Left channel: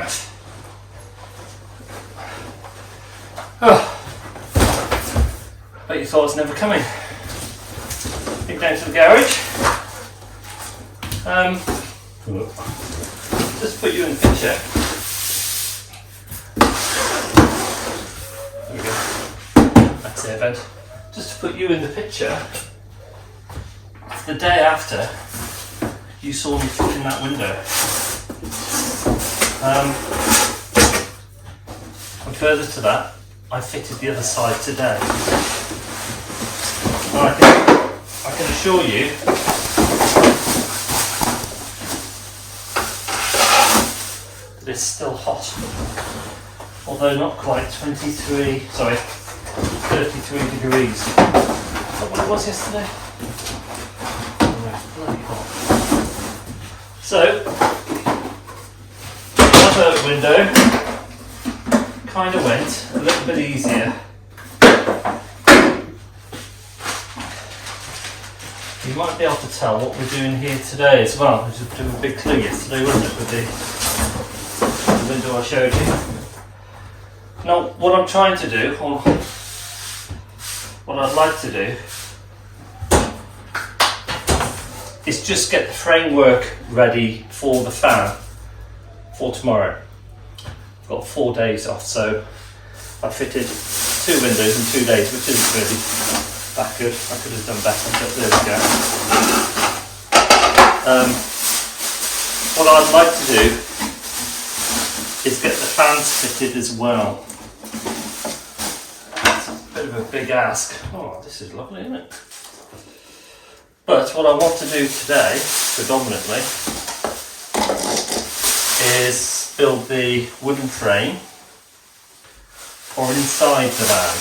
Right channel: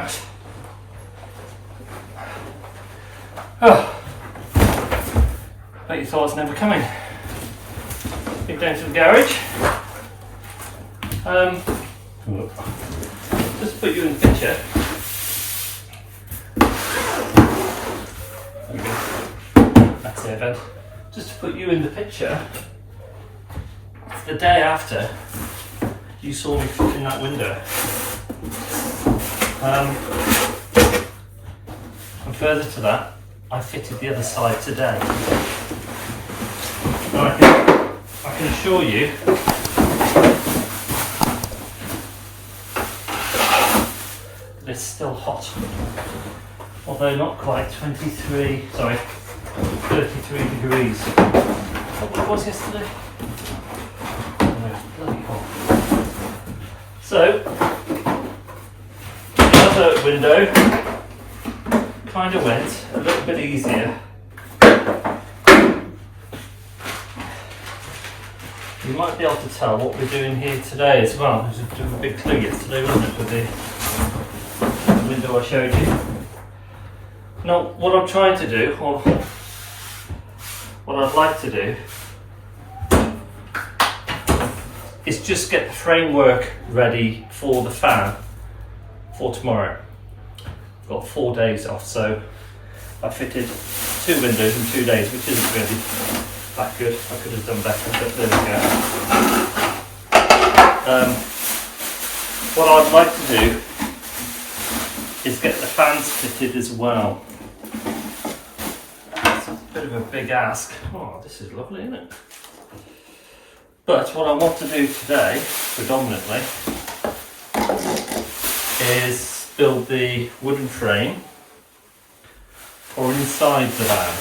it. Oh, bet you thought I was never coming. Dig down to the garage. Just put you in the picture. There you go. That's the event. Just to put you in the picture. The day after you saw me fitting that window. And further to that, I fitted the other side today. And I can assure you that it's still hot. Although not quite 33 degrees. Is that what it was yesterday? Bloody hot. So, the other window kind of went a little bit easier. You might be able to tell what we're doing here today as well. There's a bit of a big clue yesterday, wasn't it, with the window I showed you. Now, what I'm trying to do, or what I'd like to do, is just get the framework ready for the fan for tomorrow. I've got 4 days off, so I fitted 2 windows in 2 days, which isn't really that good. I could have done better, but there we go. What I'd like to do is get the fans fitted as well. It's a bit of a big ask. Oh, this is lovely, isn't it? But what I want to do today, predominantly, is build the wooden frame or inside the van.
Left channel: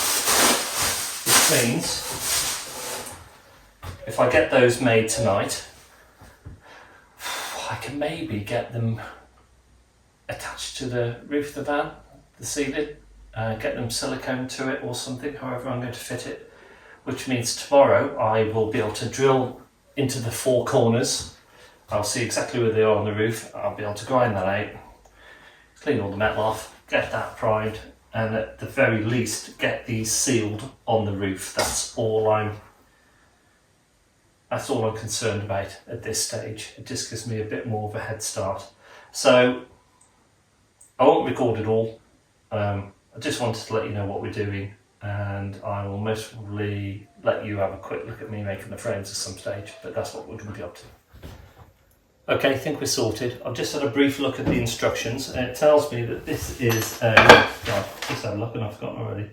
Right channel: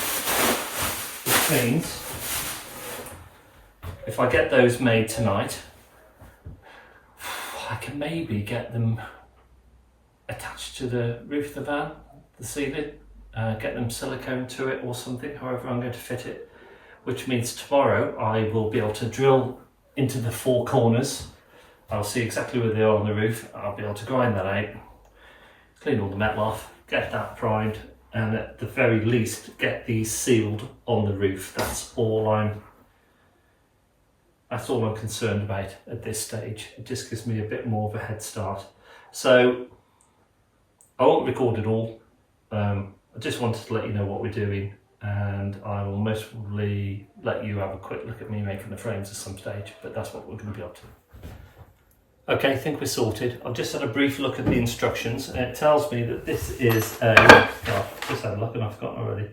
Which means, if I get those made tonight, I can maybe get them attached to the roof of the van, the ceiling, get them silicone to it or something, however I'm going to fit it. Which means tomorrow I will be able to drill into the 4 corners. I'll see exactly where they are on the roof. I'll be able to grind that out, clean all the metal off, get that primed, and at the very least get these sealed on the roof. That's all I'm concerned about at this stage. It just gives me a bit more of a head start. So I won't record it all. I just wanted to let you know what we're doing, and I will most probably let you have a quick look at me making the frames at some stage, but that's what we're going to be up to. Okay, I think we're sorted. I've just had a brief look at the instructions, and it tells me that this is a, just had a look and I've forgotten already.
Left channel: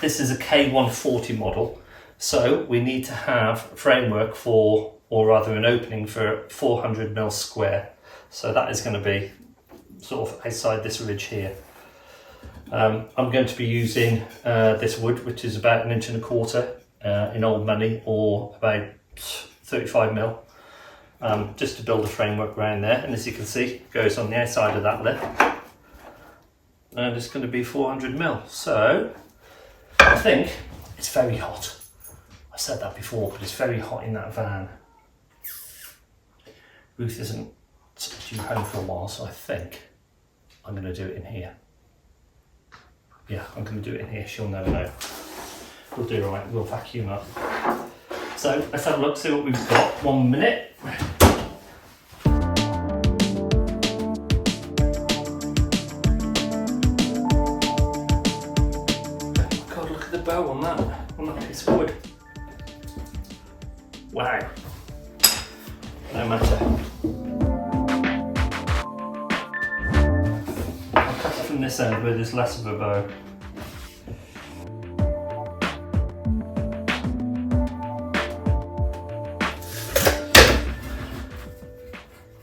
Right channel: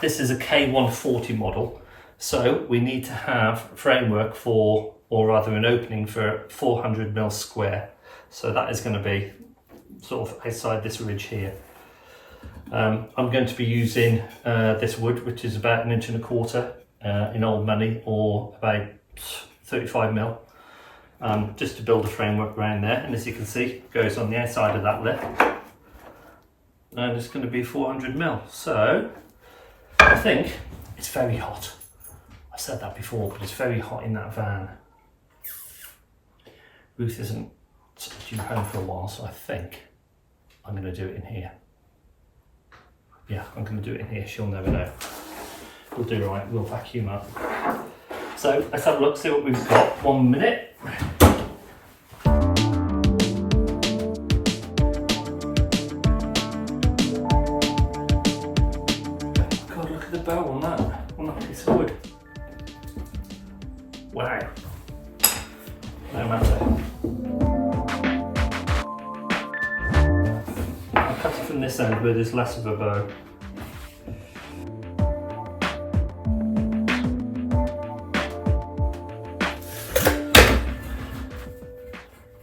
This is a K140 model, so we need to have a framework for, or rather an opening for 400mm square. So that is going to be sort of outside this ridge here. I'm going to be using this wood, which is about 1.25 inches in old money, or about 35mm, just to build a framework around there. And as you can see, it goes on the outside of that lip, and it's going to be 400mm. So I think it's very hot. I said that before, but it's very hot in that van. Ruth isn't due home for a while, so I think I'm going to do it in here. Yeah, I'm going to do it in here. She'll never know. We'll do right. We'll vacuum up. So let's have a look, see what we've got. 1 minute. God, look at the bow on that piece of wood. Wow. No matter. I'll cut it from this end where there's less of a bow.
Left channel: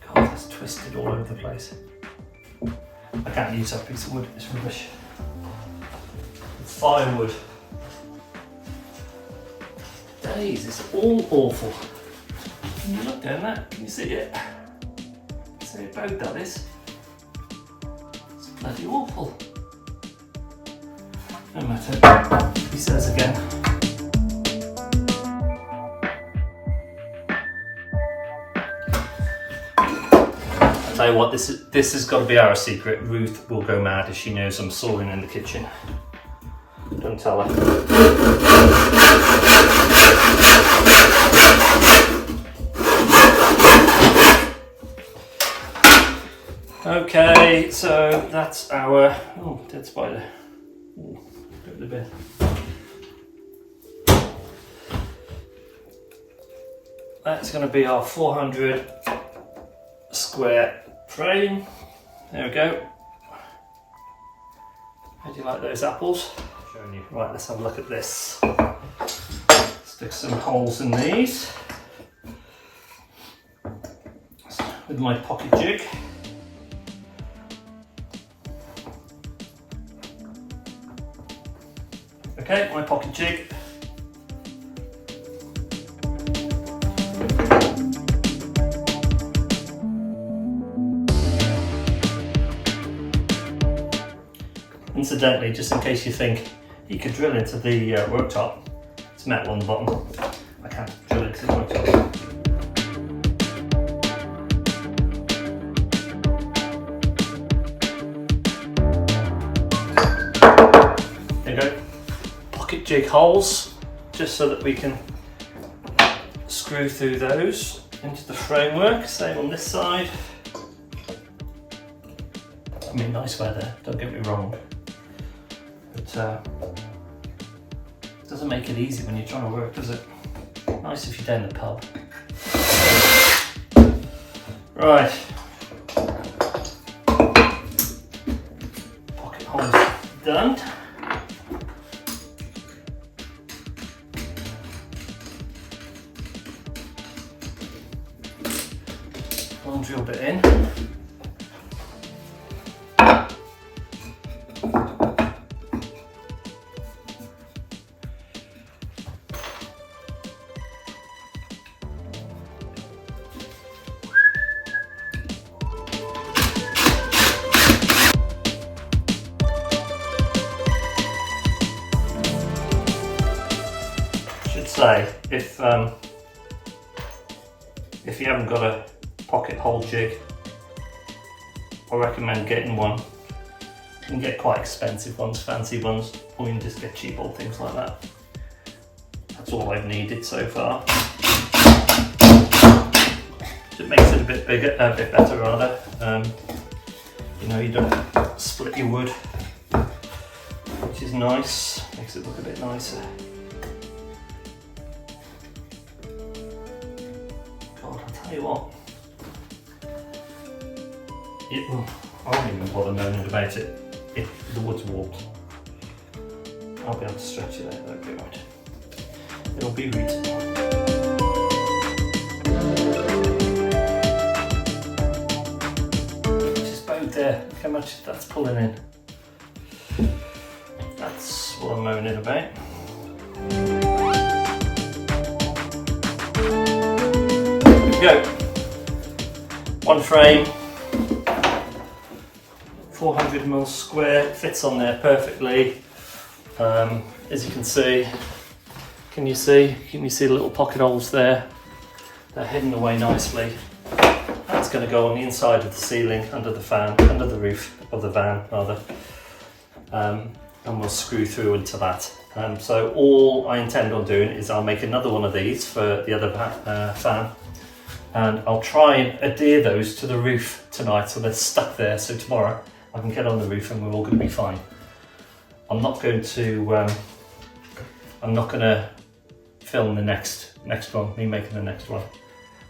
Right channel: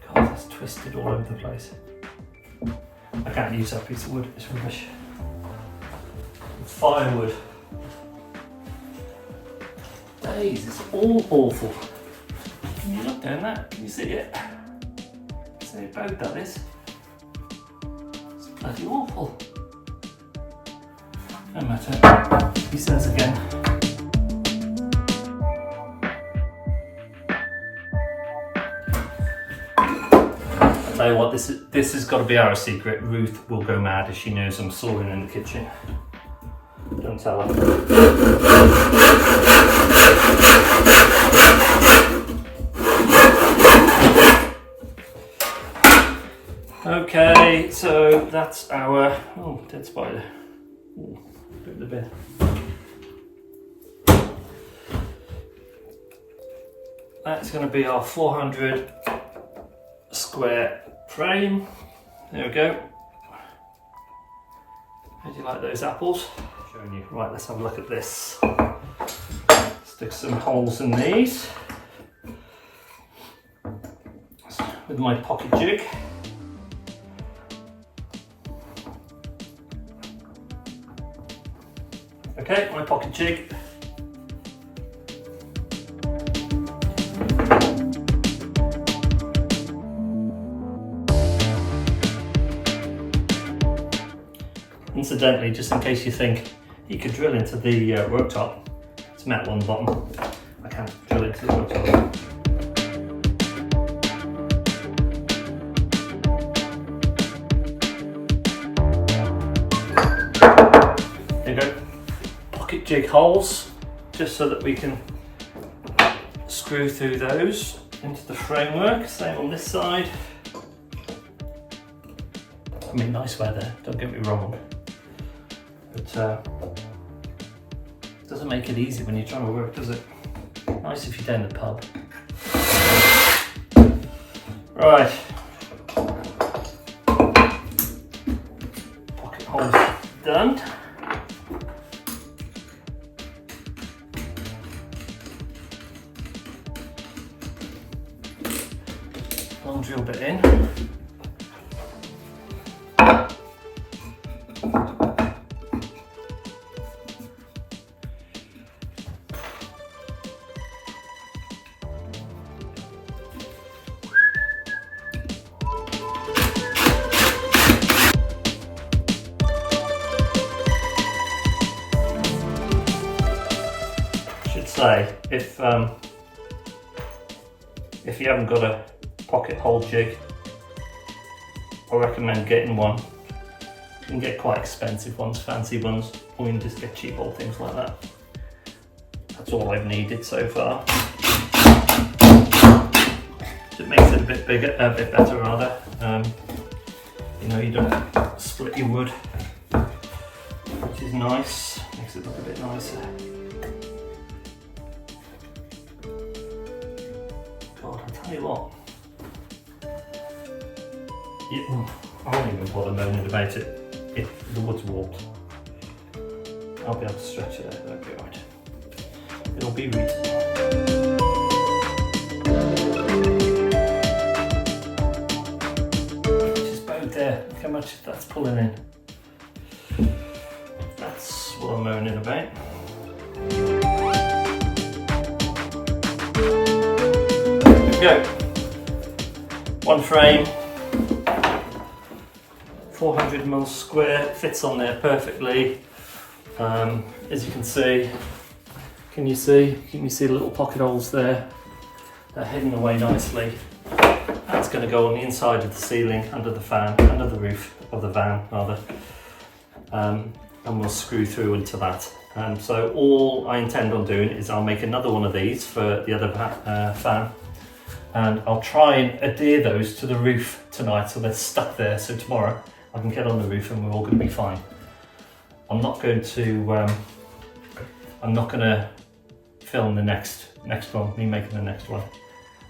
God, that's twisted all over the place. I can't use that piece of wood, it's rubbish. Firewood. Days, it's all awful. Can you look down that? Can you see it? See how bowed that is? It's bloody awful. No matter. He says again. tell you what, this has got to be our secret. Ruth will go mad if she knows I'm sawing in the kitchen. Don't tell her. Okay, so that's our, oh, dead spider. Ooh, bit of the bit. That's going to be our 400 square frame. There we go. How do you like those apples? Showing you. Right, let's have a look at this. Stick some holes in these with my pocket jig. Okay, my pocket jig. Incidentally, just in case you think you could drill into the worktop, it's metal on the bottom. I can't drill into the worktop. There you go. Pocket jig holes, just so that we can screw through those into the framework. Same on this side. I mean, nice weather, don't get me wrong. But it doesn't make it easy when you're trying to work, does it? Nice if you're down the pub. Right. Pocket holes done. Long drill bit in. Say, if you haven't got a pocket hole jig, I recommend getting one. You can get quite expensive ones, fancy ones, or you can just get cheap old things like that. That's all I've needed so far. It makes it a bit bigger, a bit better rather. You know, you don't split your wood, which is nice. Makes it look a bit nicer. Tell you what, I won't even bother moaning about it if the wood's warped. I'll be able to stretch it out, that'll be right. It'll be reasonable. Just about there, look how much that's pulling in. That's what I'm moaning about. Go. One frame, 400mm square, fits on there perfectly. As you can see, can you see the little pocket holes there? They're hidden away nicely. That's going to go on the inside of the ceiling, under the fan, under the roof of the van rather, and we'll screw through into that. So all I intend on doing is I'll make another one of these for the other fan. And I'll try and adhere those to the roof tonight so they're stuck there, so tomorrow I can get on the roof and we're all going to be fine. I'm not going to film the next one, me making the next one,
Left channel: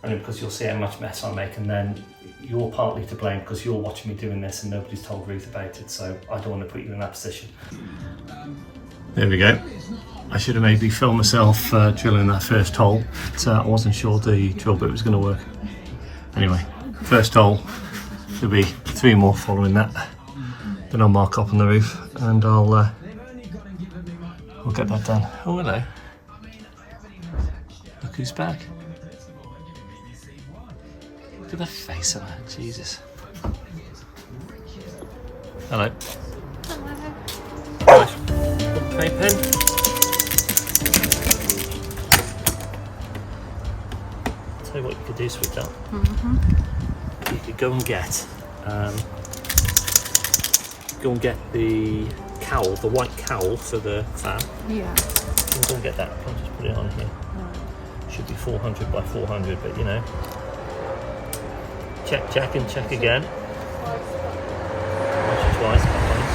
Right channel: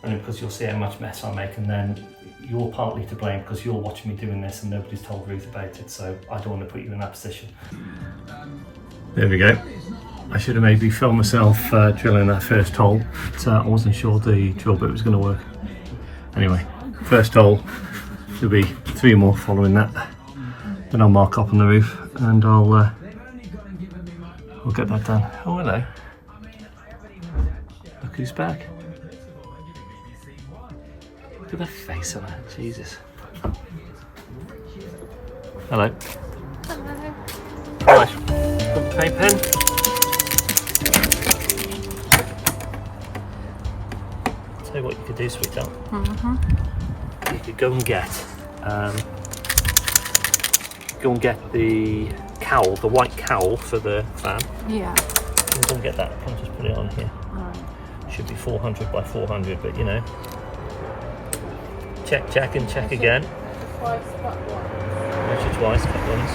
only because you'll see how much mess I make, and then you're partly to blame because you're watching me doing this and nobody's told Ruth about it, so I don't want to put you in that position. There we go. I should have maybe filmed myself drilling that first hole, but I wasn't sure the drill bit was going to work. Anyway, first hole, there'll be 3 more following that. Then I'll mark up on the roof and I'll get that done. Oh, hello. Look who's back. Look at the face on her, Jesus. Hello. Hello. Hello. Paint pen. Tell you what you could do, sweetheart. you could go and get the cowl, the white cowl for the fan. Yeah. Go and get that. Can just put it on here. Should be 400 by 400, but you know. Check and check again. Measure twice, cut once.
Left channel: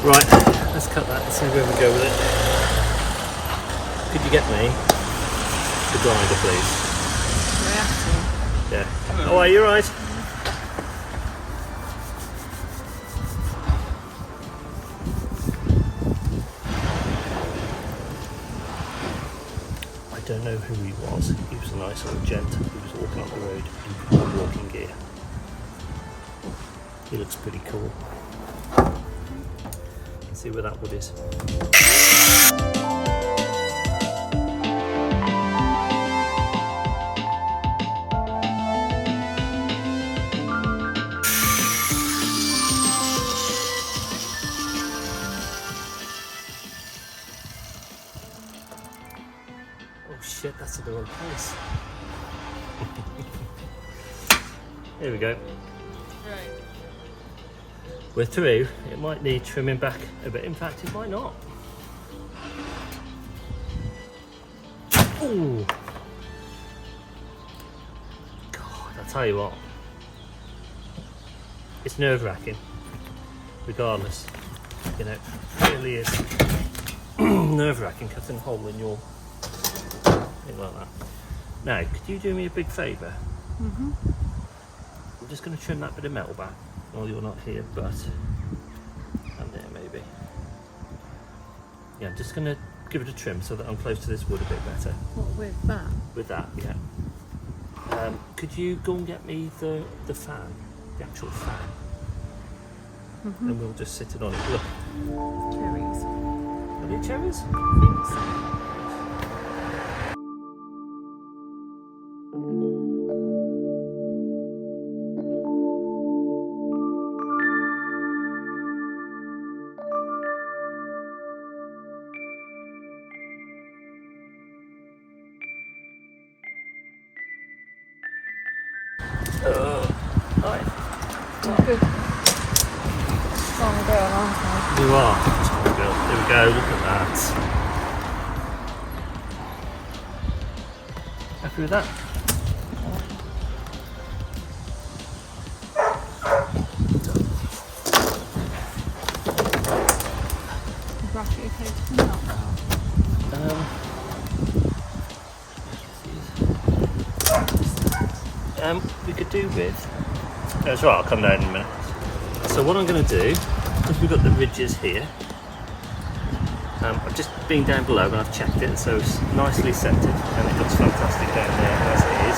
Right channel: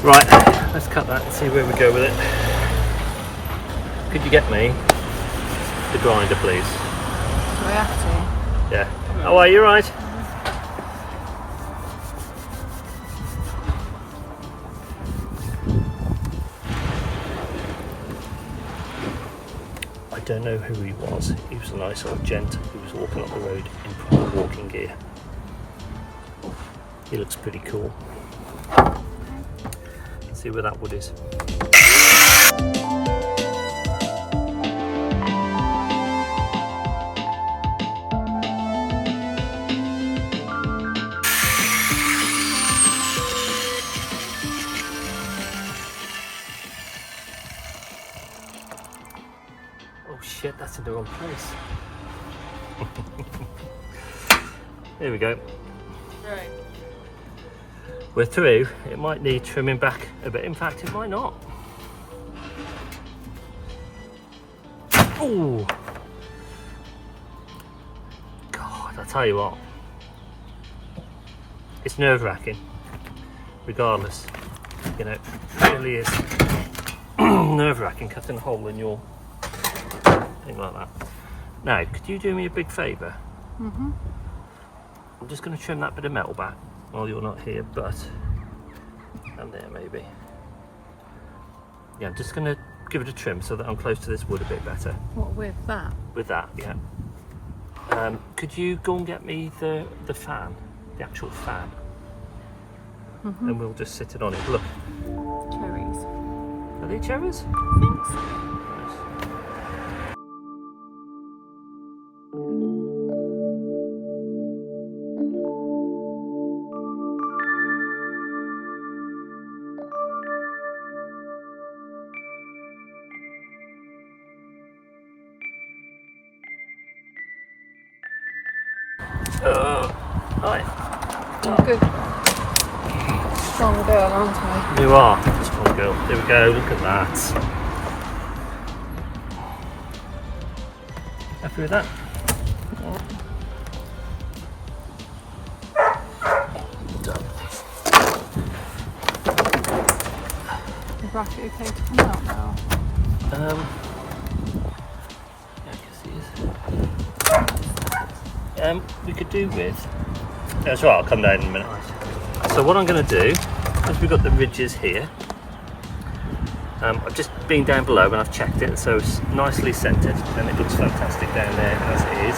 Right, let's cut that and see where we go with it. Could you get me the grinder, please? Yeah. How are you? Right? I don't know who he was. He was a nice old gent who was walking up the road in proper walking gear. He looks pretty cool. See where that wood is. Oh shit, that's in the wrong place. There we go. We're through. It might need trimming back a bit. In fact, it might not. Oh, God! I tell you what, it's nerve-wracking. Regardless, you know, it really is nerve-wracking cutting a hole in your thing like that. Now, could you do me a big favour? I'm just going to trim that bit of metal back while you're not here, but and there maybe. Yeah, I'm just going to give it a trim so that I'm close to this wood a bit better. What, with that? With that, yeah. Could you go and get me the fan, the actual fan, and we'll just sit it on it. Look. Cherries. Are they cherries? I think so. Right. I'm good. Strong girl, aren't I? You are a strong girl. There we go, look at that. Happy with that? Done. Is that what you take from that now? We could do with. That's right. I'll come down in a minute. So what I'm going to do, because we've got the ridges here, I've just been down below and I've checked it, so it's nicely centred and it looks fantastic down there as it is.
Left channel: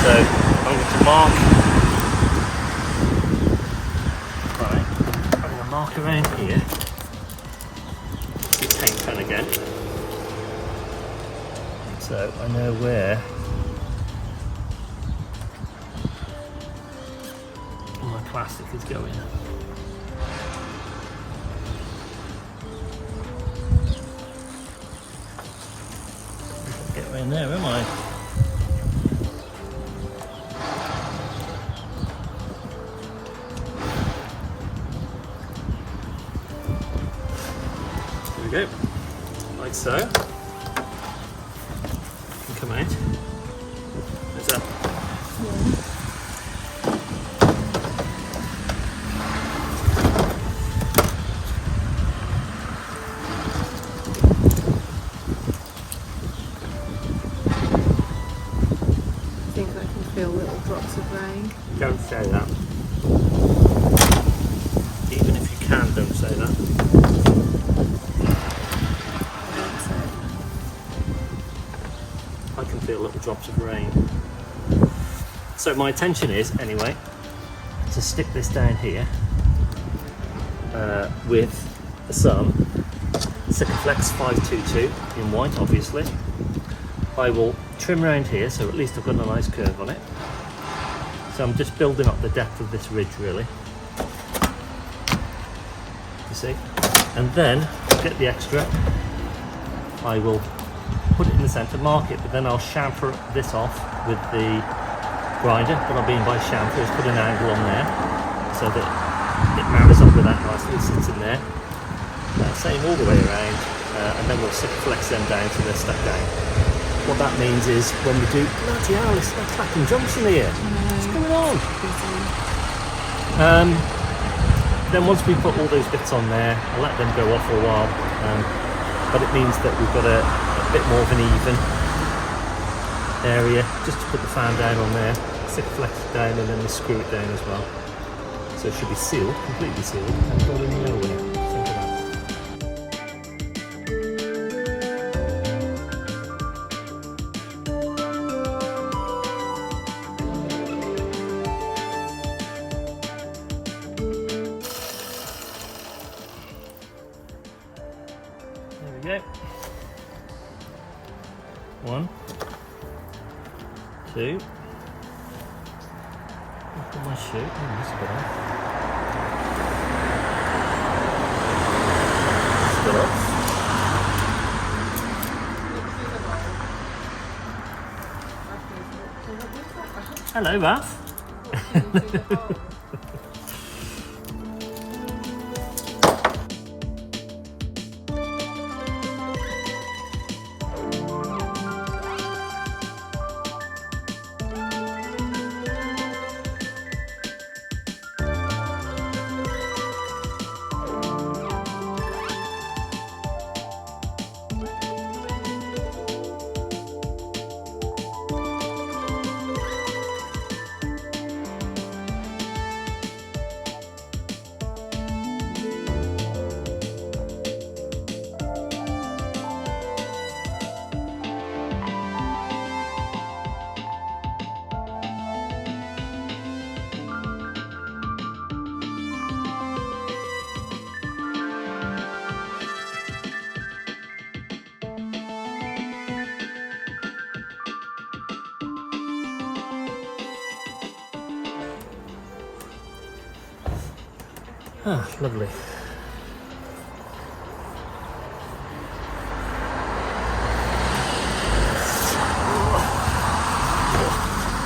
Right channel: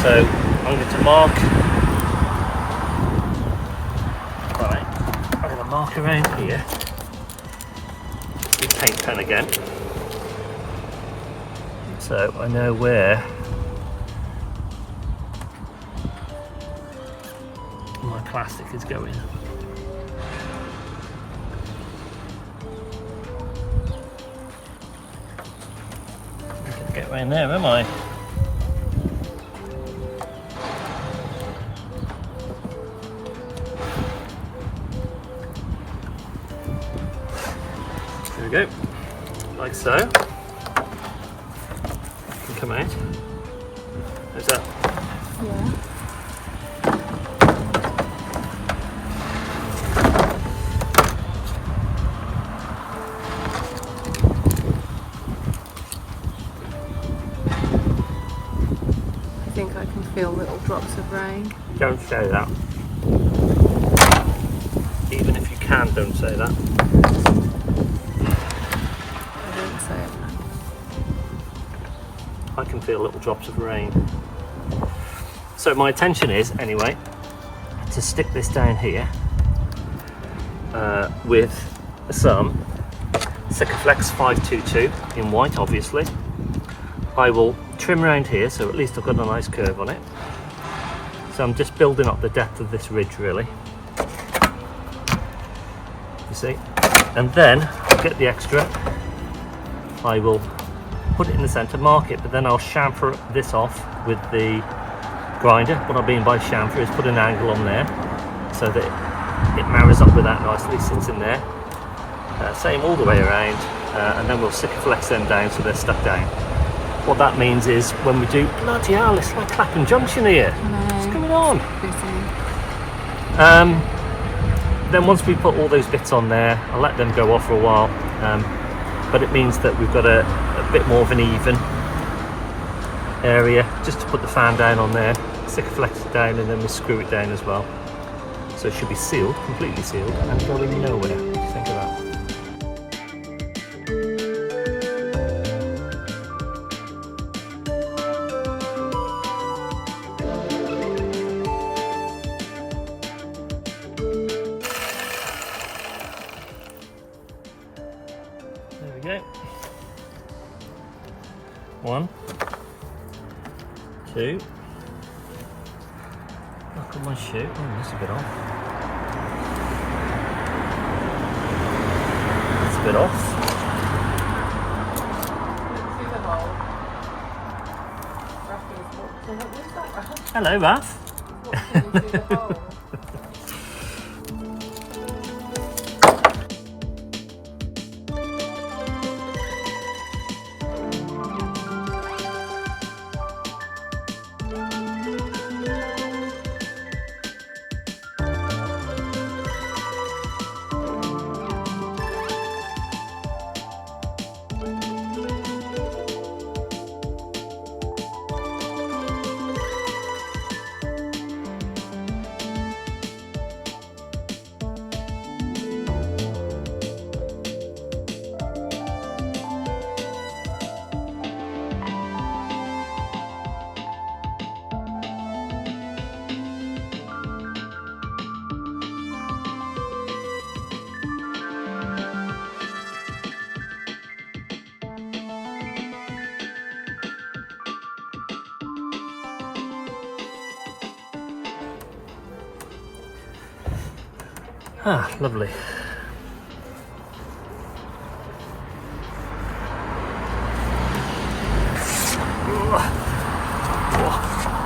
So I'm going to mark. Right, I'm going to mark around here. The paint pen again, so I know where my plastic is going. Get around there, am I? There we go, like so. You can come out. How's that? Don't say that. Even if you can, don't say that. I can feel little drops of rain. So my intention is, anyway, to stick this down here with some Sikaflex 522 in white, obviously. I will trim around here, so at least I've got a nice curve on it. So I'm just building up the depth of this ridge, really. You see? And then, to get the extra, I will put it in the centre, mark it, but then I'll chamfer this off with the grinder. What I mean by chamfer is put an angle on there so that it marries up with that nicely, sits in there. Same all the way around, and then we'll Sikaflex them down so they're stuck down. What that means is when we do, bloody hell, it's like Clapham Junction here. What's going on? Then once we put all those bits on there, I'll let them go off for a while. But it means that we've got a bit more of an even area, just to put the fan down on there, Sikaflex it down, and then we screw it down as well. So it should be sealed, completely sealed, and going nowhere. Think of that. There we go. 1, 2. Look at my shoe. Oh, that's a bit off. That's a bit off. Hello, Ralph. Ah, lovely.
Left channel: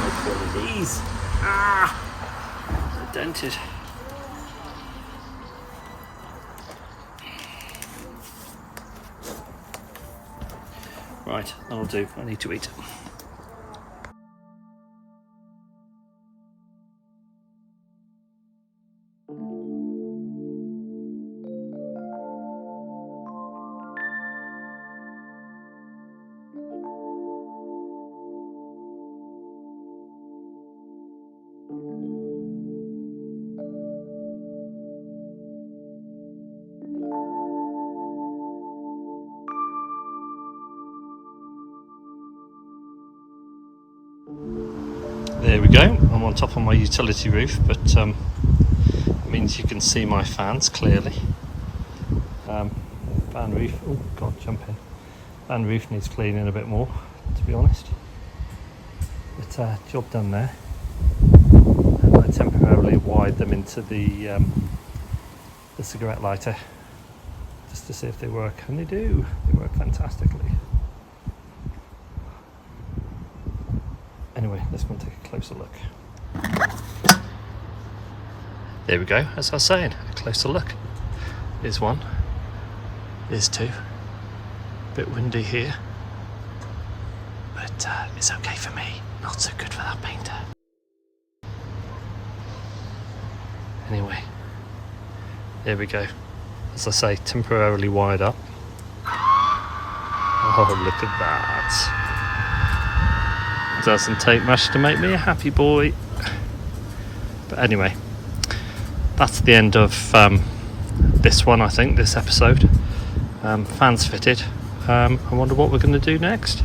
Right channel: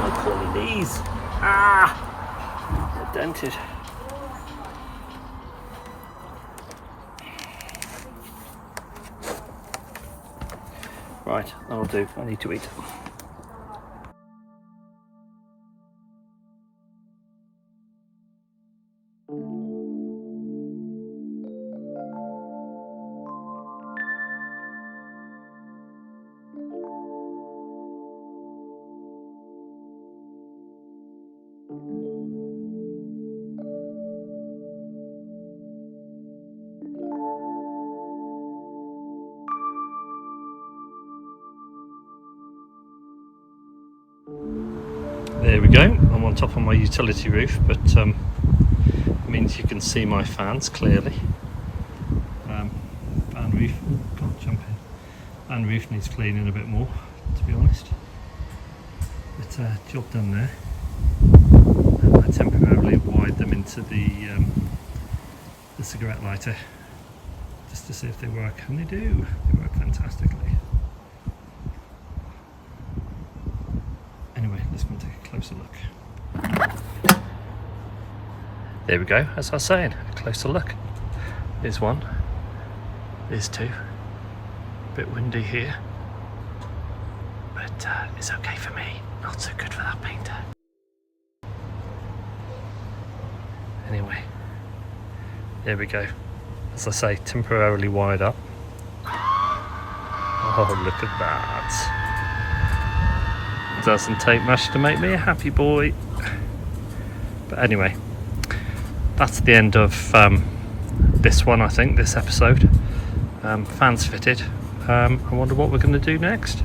Look at all of these. Ah, they're dented. Right, that'll do. I need to eat. There we go. I'm on top of my utility roof, but it means you can see my fans clearly. Fan roof, oh god, jump in. Fan roof needs cleaning a bit more, to be honest. But job done there. And I temporarily wired them into the cigarette lighter just to see if they work, and they do. They work fantastically. Anyway, let's go and take a closer look. There we go, as I was saying, a closer look. Here's one, here's two. A bit windy here, but it's okay for me, not so good for that painter. Anyway, there we go. As I say, temporarily wired up. Oh, look at that. Doesn't take much to make me a happy boy. But anyway, that's the end of this one, I think, this episode. Fans fitted. I wonder what we're going to do next.